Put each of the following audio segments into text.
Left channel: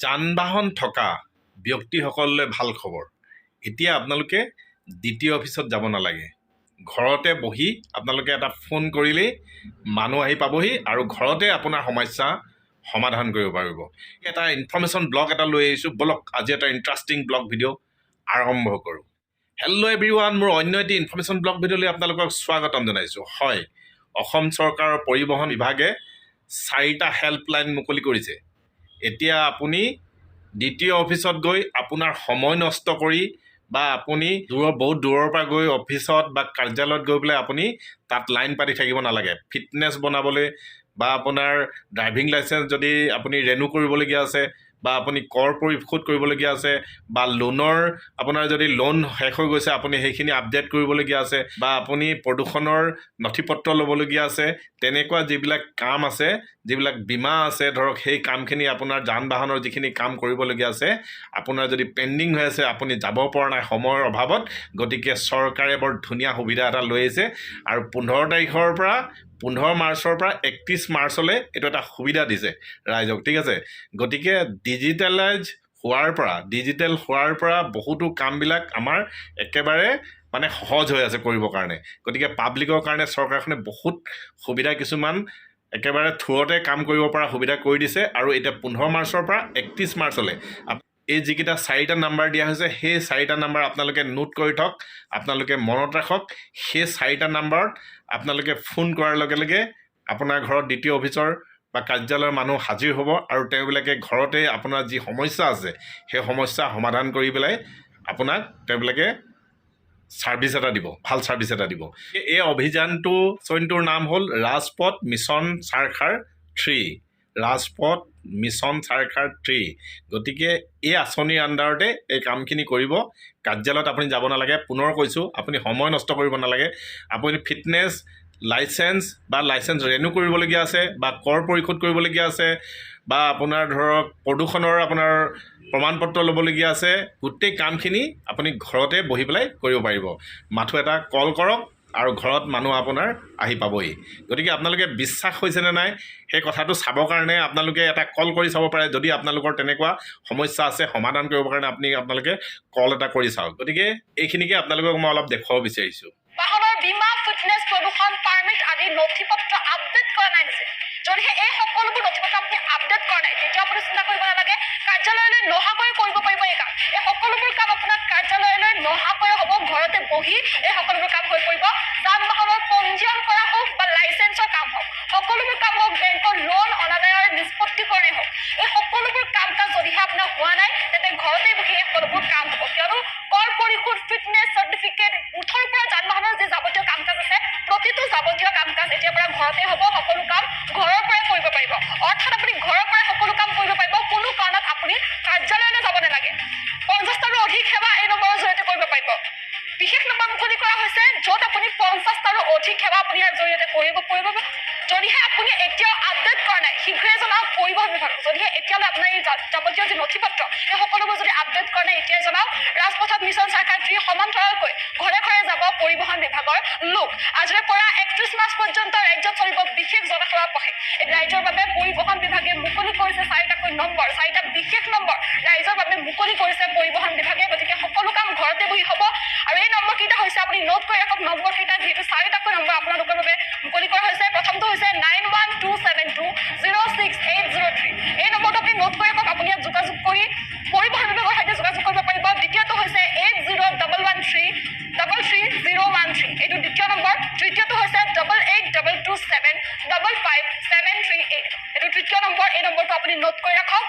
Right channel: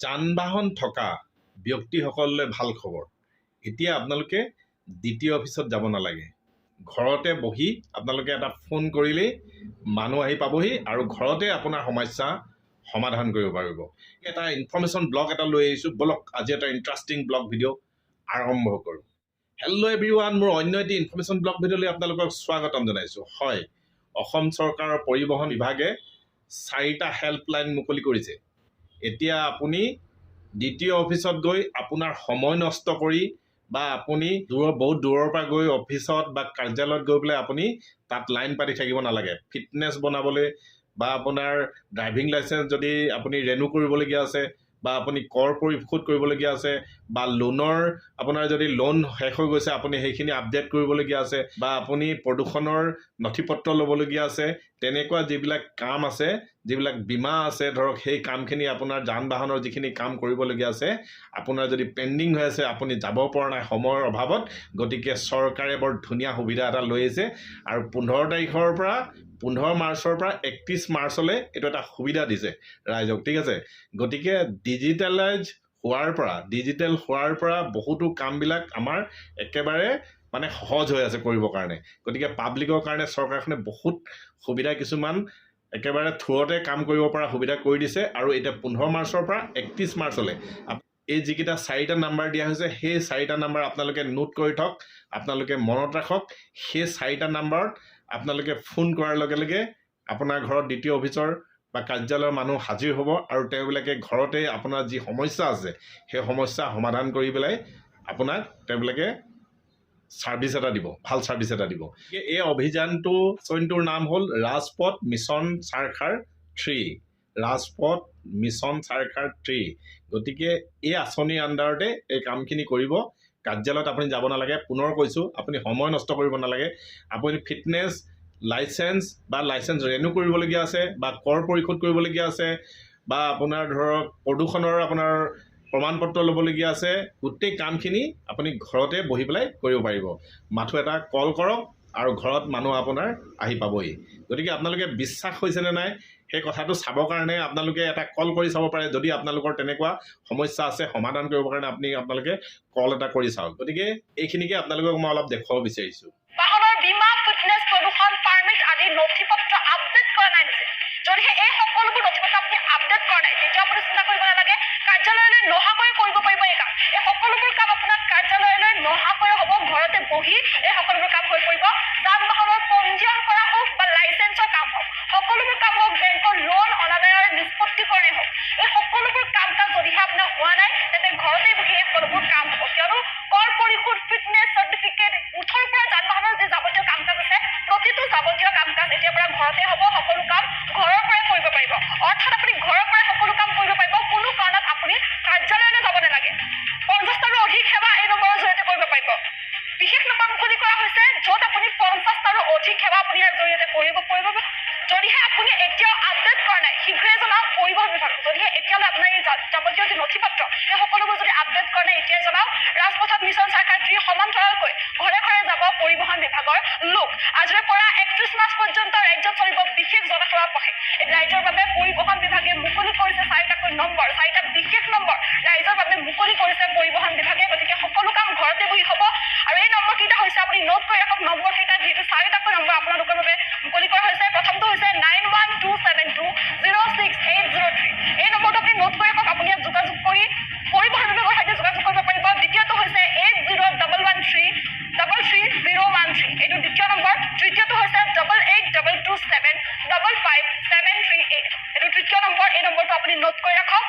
যান বাহন থকা ব্যক্তিসকললৈ ভাল খবৰ। এতিয়া আপোনালোকে দ্বিতীয় অফিচত যাব নালাগে। ঘৰতে বহি আপোনালোকে এটা ফোন কৰিলেই মানুহ আহি পাবহি আৰু ঘৰতে আপোনাৰ সমস্যা সমাধান কৰিব পাৰিব। এটা ইনফৰ্মেশ্যন ব্লগ এটা লৈ আহিছোঁ, বলক আজি এটা ইণ্টাৰেষ্টিং ব্লগ ভিডিঅ' আৰম্ভ কৰোঁ। হেল্ল' এভৰিৱান, মোৰ অন্য এটি ইনফৰ্মেশ্যন ব্লগ ভিডিঅ'লৈ আপোনালোকক স্বাগতম জনাইছোঁ। হয়, অসম চৰকাৰৰ পৰিবহণ বিভাগে 4টা হেল্পলাইন মুকলি কৰিছে। এতিয়া আপুনি দ্বিতীয় অফিচত গৈ আপোনাৰ সময় নষ্ট কৰি বা আপুনি বহুত দূৰৰ পৰা গৈ অফিচত বা কাৰ্যালয়ত গৈ পেলাই আপুনি তাত লাইন পাতি থাকিব নালাগে। ফিটনেছ বনাবলৈ বা আপোনাৰ ড্ৰাইভিং লাইচেঞ্চ যদি আপুনি ৰেনু কৰিবলগীয়া আছে বা আপুনি কৰ পৰিশোধ কৰিবলগীয়া আছে বা লোনৰ আপোনাৰ যদি লোন শেষ হৈ গৈছে আপুনি সেইখিনি আপডেট কৰিবলগীয়া আছে বা আপুনি প্ৰদূষণৰ নথি পত্ৰ ল'বলগীয়া আছে, তেনেকুৱা যিবিলাক কাম আছে, যিবিলাক বীমা আছে ধৰক, সেই কামখিনি আপোনাৰ যান বাহনৰ যিখিনি কাম কৰিবলগীয়া আছে আপোনাৰ যদি পেণ্ডিং হৈ আছে, আপুনি যাব পৰা নাই সময়ৰ অভাৱত, গতিকে চৰকাৰে বৰ ধুনীয়া সুবিধা এটা লৈ আহিছে। আৰু 15 মাৰ্চৰ পৰা 31 মাৰ্চলৈ এইটো এটা সুবিধা দিছে ৰাইজক, ঠিক আছে। গতিকে ডিজিটেল হোৱাৰ পৰা বহুতো কামবিলাক আমাৰ একেবাৰে মানে সহজ হৈ আছে কৰিবৰ কাৰণে। গতিকে পাব্লিকৰ কাৰণে চৰকাৰখনে বহুত সুবিধা কিছুমান একেবাৰে থ্ৰুতে কাম কৰিব পৰা সুবিধা কৰি দিছে। আৰু এতিয়া 15 মাৰ্চৰ পৰা 31 মাৰ্চলৈ এই যিকেইটা 4টা নাম্বাৰ দিয়া হৈছে, সেই 4টা নাম্বাৰ আপোনালোকে নোট কৰি থওক, আপোনালোকে মনত ৰাখক। সেই 4টা নাম্বাৰত আপোনালোকে ফোন কৰাৰ লগে লগে আপোনাৰ ঘৰত দ্বিতীয় অফিচৰ বা কাৰ্যালয়ৰ মানুহ হাজিৰ হ'ব আৰু তেওঁবিলাকে ঘৰতে আপোনাৰ যি সমস্যা আছে সেই সমস্যা সমাধান কৰি পেলাই আপোনাক তেওঁবিলাকে ছাৰ্ভিচ এটা দিব, ভাল ছাৰ্ভিচ এটা দিব। এই অভিযানটোৰ নাম হ'ল ৰাজপথ মিছন চাৰখাৰ 3। ৰাজপথ মিছন চাৰখাৰ 3। গতিকে এই আঁচনিৰ আণ্ডাৰতে এই কামখিনি কৰিব। কাৰ্যালয়ত আপুনি যাব নালাগে। পুনৰ কৈছোঁ, আপুনি সময় নষ্ট কৰিব নালাগে। আপুনি ফিটনেছ লাইচেঞ্চ বা লাইচেঞ্চ ৰেনু কৰিবলগীয়া আছে বা কৰ পৰিশোধ কৰিবলগীয়া আছে বা আপোনাৰ ধৰক প্ৰদূষণৰ আপোনাৰ প্ৰমাণ পত্ৰ ল'বলগীয়া আছে, গোটেই কামখিনি আপুনি ঘৰতে বহি পেলাই কৰিব পাৰিব। মাথো এটা কল কৰক আৰু ঘৰত মানুহ আপোনাৰ আহি পাবহি। গতিকে আপোনালোকে বিশ্বাস হৈছেনে নাই সেই কথাটো চাবৰ কাৰণে আপোনালোকে এটা কল কৰি চাব পাৰে। যদি আপোনালোকৰ তেনেকুৱা সমস্যা আছে সমাধান কৰিবৰ কাৰণে আপোনালোকে কল এটা কৰি চাওক। গতিকে এইখিনিকে আপোনালোকক মই অলপ দেখুৱাব বিচাৰিছোঁ। বাহনৰ বীমা, ফিটনেছ, প্ৰদূষণ পাৰ্মিট আদি নথি পত্ৰ আপডেট কৰা নাই নিছে। যদিহে এই সকলোবোৰ নথি পত্ৰ আপুনি আপডেট কৰা নাই, তেতিয়া আপুনি চিন্তা কৰিব নালাগে, কাৰ্যালয়লৈ নহাকৈ কৰিব পাৰিব এই কাম। এই সকলোবোৰ কাম আপোনাৰ কাৰ্যালয়লৈ নহাকৈ হ'ব, ঘৰতে বহি এই সকলোবোৰ কাম হৈ পৰিব। যান বাহনৰ পঞ্জীয়ন কৰা হওক বা লাইচেঞ্চৰ কাম হওক, সকলোবোৰ কাম হওক, বেংকৰ লোন অনাদায়ৰ নিষ্পত্তিকৰণেই হওক, এই সকলোবোৰ কাম কাজ যদিহে আপোনাৰ হোৱা নাই, তেন্তে ঘৰতে বহি এই সকলোবোৰ কাম হ'ব। কিয়নো কৰ পৰিশোধ, ফিটনেছ চাৰ্টিফিকেট, মুঠৰ পৰা যান বাহনৰ যি যাৱতীয় কাম কাজ আছে, প্ৰতিটো যাৱতীয় কাম কাজ এতিয়াৰ পৰা ঘৰতে হ'ব। সকলো কাম ঘৰৰ পৰাই কৰিব পাৰিব। অৰ্থাৎ আপুনি ঘৰৰ পৰাই সকলো কাম কৰিব পাৰিব। কোনো কাৰণত আপুনি কাৰ্যালয়লৈ যাব নালাগে। 50টাৰো অধিক সেৱা এই নম্বৰৰ জৰিয়তে কৰিব পাৰিব। বিশেষ নম্বৰ মুকলি কৰা হৈছে, য'ত আপুনি 50টাৰো অধিক সেৱা আপুনি ইয়াৰ জৰিয়তে কৰিব পাৰিব। যদিহে আপুনি এতিয়াও আপডেট কৰা নাই, শীঘ্ৰে জনাওক পৰিবহণ বিভাগ। যদিহে এতিয়ালৈ আপোনাৰ এই যাৱতীয় যি নথি পত্ৰ এই সকলোবোৰ যদি আপডেট কৰা নাই, এতিয়াই জনাওক। ৰাজপথত মিছন চাৰখাৰ 3 সমান্তৰালকৈ ঘৰে ঘৰে যাব পৰিবহণ বিভাগৰ লোক। আজিৰে পৰা 31 মাৰ্চ পৰ্যন্ত ৰাজ্যত চলিব বিশেষ জনসেৱা পথে। ৰাইজৰ বাবে পৰিবহণ বিভাগে মুকলি কৰিছে 4টাকৈ নম্বৰ, 4টা বিশেষ নম্বৰ ৰাইজৰ বাবে মুকলি কৰিছে পৰিবহণ বিভাগে। গতিকে সকলো কাম ঘৰতে বহি হ'ব। আৰু এই নম্বৰকেইটা হৈছে, আপুনি নোট কৰি ৰাখক নম্বৰকেইটা, যিহেতু 4টাকৈ নম্বৰ আপোনালোকৰ বাবে মুকলি কৰা হৈছে। প্ৰথমটো হৈছে 9127206803। এই নম্বৰটো আপুনি নোট কৰি ৰাখক। আপুনি ইয়াত যোগাযোগ কৰি পৰিবহণ বিভাগৰ সৈতে যোগাযোগ কৰিব পাৰিব। দ্বিতীয়টো হৈছে 8011333013। এইটো দ্বিতীয় নম্বৰ। তৃতীয়টো হৈছে 8822755738। এইটো তৃতীয় নম্বৰ। এই নম্বৰটো আপুনি নোট কৰি ৰাখক।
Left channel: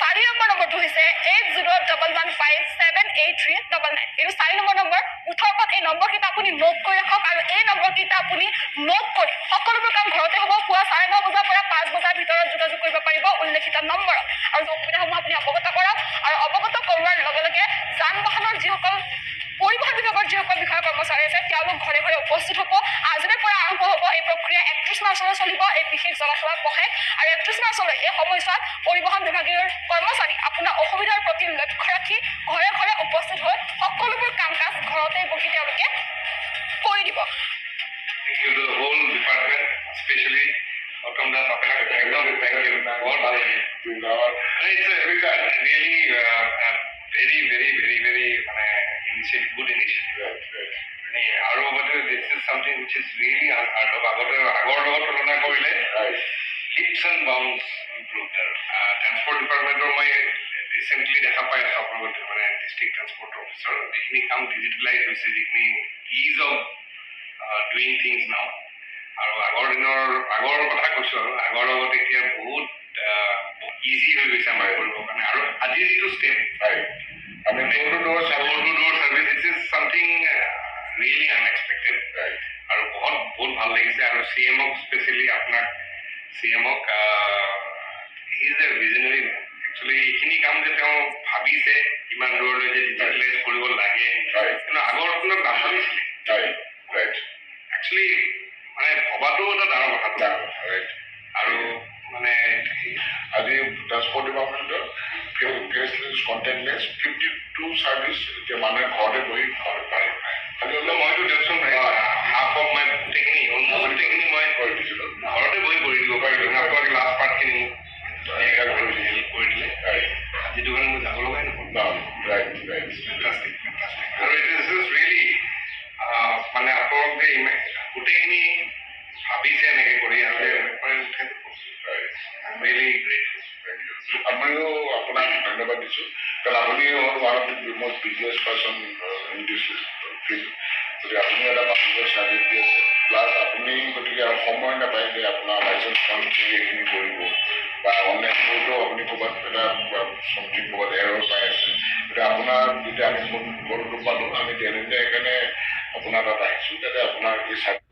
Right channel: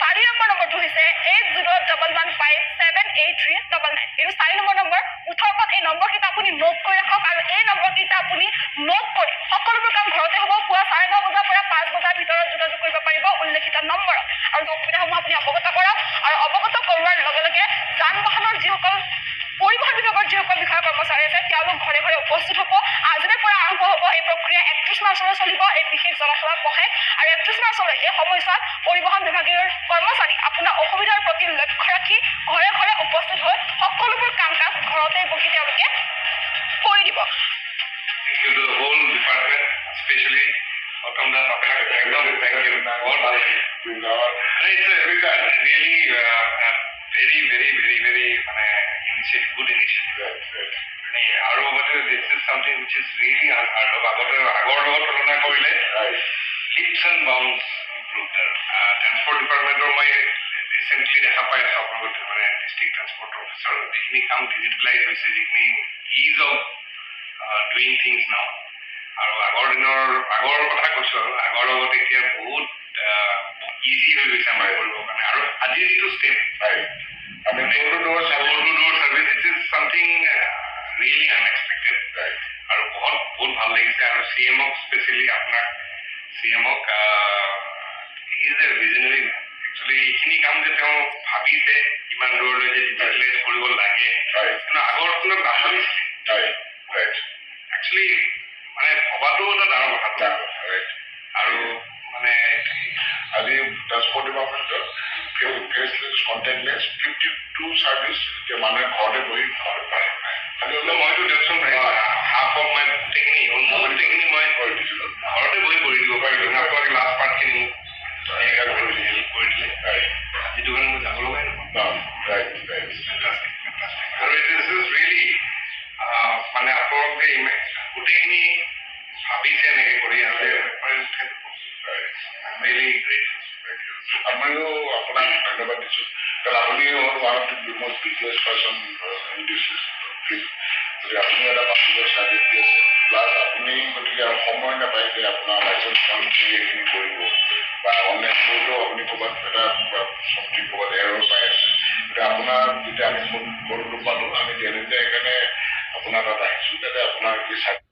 4 নম্বৰ নম্বৰটো হৈছে 8011578399। এইটো 4 নম্বৰ নম্বৰ। মুঠৰ এই নম্বৰকেইটা আপুনি নোট কৰি ৰাখক। আৰু এই নম্বৰকেইটা আপুনি নোট কৰি সকলোবোৰ কাম ঘৰতে হ'ব। পুৱা 9:30 বজাৰ পৰা 5 বজাৰ ভিতৰত যোগাযোগ কৰিব পাৰিব উল্লেখিত নম্বৰত। আৰু অসুবিধাসমূহ আপুনি অৱগত কৰক। আৰু অৱগত কৰোৱাৰ লগে লগে যান বাহনৰ যিসকল পৰিবহণ বিভাগৰ যিসকল বিষয়া কৰ্মচাৰী আছে, তেওঁলোক ঘৰে ঘৰে উপস্থিত হ'ব। আজিৰে পৰা আৰম্ভ হ'ব এই প্ৰক্ৰিয়া। 31 মাৰ্চলৈ চলিব এই বিশেষ জনসেৱা পথে। আৰু 31 মাৰ্চলৈ এই সময়ছোৱাত পৰিবহণ বিভাগীয় কৰ্মচাৰী আপোনাৰ অসুবিধাৰ প্ৰতি লক্ষ্য ৰাখি ঘৰে ঘৰে উপস্থিত হৈ সকলোবোৰ কাম কাজ ঘৰতে বহি তেওঁলোকে কৰি দিব। To the whole department, especially Gautam Das আপোনাক একদম থেংক ইউ বহুত ভাল লাগিল it's really very very very very মানে ইনিচিয়েটিভ গুড ইনিচিয়েটিভ আৰু মানে this is something which is really hard আগৰ লগত তুলনা কৰিলে লিপছ এণ্ড বাউন্স ইম্প্ৰুভড আৰু ট্ৰেন্সপৰ্ট ডিপাৰ্টমেণ্টৰ মই ৰিচেণ্টলি দেখা পাই আছোঁ আপোনালোকৰ মানে ডিষ্ট্ৰিক্ট ট্ৰেন্সপৰ্ট অফিচাৰ যিখিনি কাম ডিজিটেলাইজ হৈছে যিখিনি ইজ অফ ডুইং থিংছ নাও আৰু আগৰ কথা কৈছোঁ আৰু আগৰ লগত এতিয়া বহুত ইজি হৈ গৈছে আমাৰ কৰিবৰ কাৰণে আৰু আজিৰ যিটো ষ্টেপ আমি door to door service this is something really unexpected আৰু বহুত ভাল লাগিছে আৰু চি এমক স্পেচিয়েলি আপোনাক চি এমক he is a visionary man actually এইখিনি কাম যে তেওঁ ভাবিছে ইমান দূৰলৈ যে ডিজিটেলাইজ কৰিব লাগে কিন্তু আগৰ তুলনাত নাভাবিছিলে একচুৱেলি মানে ভবাটো এটা ডাঙৰ কথা আৰু মানে আজি ট্ৰান্সপৰ্ট ডিপাৰ্টমেণ্টৰ ফেচলেছ কণ্টেক্টলেছ 52 ছাৰ্ভিচ এতিয়া মানুহে ঘৰতে বহি পাৰে খালি হ'লে মইতো দিয়কচোন হাফ অফ মাই গোটেইখিনি অলমষ্ট গোটেইখিনি মই কৰি দিছিলোঁ ঘৰতে বহি কৰি দিব পাৰিলোঁ আপোনালোকে লাষ্ট পাৰ্টখিনি মোক কৰি দিলে যিটো কাৰণে মই যাব লগাই নহয় ফেণ্টাষ্টিক আৰু ইট ইজ ৰিয়েলি মানে আপোনালোকে গোটেইখিনি ভাবিছে এনেকৈ কৰি আৰু ৰিয়েলি গ্ৰেট আমিও আপোনাক ধন্যবাদ দিছোঁ কাৰণ আপুনি হ'ল one of the most busiest person in this field গতিকে আপুনি এটা পাব্লিকৰ চাৰ্ভিচ দি আছে প্লাছ আপুনি গতিকে আৰু সময় নাপায় যে আপোনাৰ লাইচেঞ্চখন এইখিনি কৰিব বা অনলাইন কৰিলেও আপুনি ক'ৰবাত এটা চমথিং ক'ৰবাত এৰৰ পাই আছে গতিকে আপোনাৰ যেতিয়া আমি ফোন কলটো পালোঁ আমি তেনেতে সেইকাৰণে আপোনাৰ তাত আহিছোঁ যাতে আপোনাৰ এই চাৰ্ভিচ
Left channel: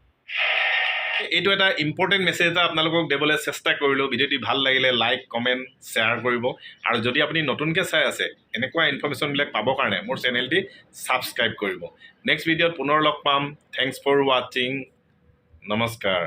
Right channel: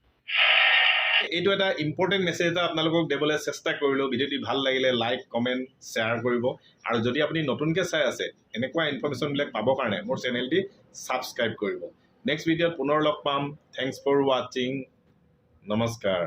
এইটো এটা ইম্পৰ্টেণ্ট মেছেজ এটা আপোনালোকক দিবলৈ চেষ্টা কৰিলোঁ। ভিডিঅ'টি ভাল লাগিলে লাইক কমেণ্ট শ্বেয়াৰ কৰিব আৰু যদি আপুনি নতুনকৈ চাই আছে এনেকুৱা ইনফৰ্মেশ্যনবিলাক পাবৰ কাৰণে মোৰ চেনেলটি ছাবস্ক্ৰাইব কৰিব। নেক্সট ভিডিঅ'ত পুনৰ লগ পাম। থেংকছ ফৰ ৱাচিং। নমস্কাৰ।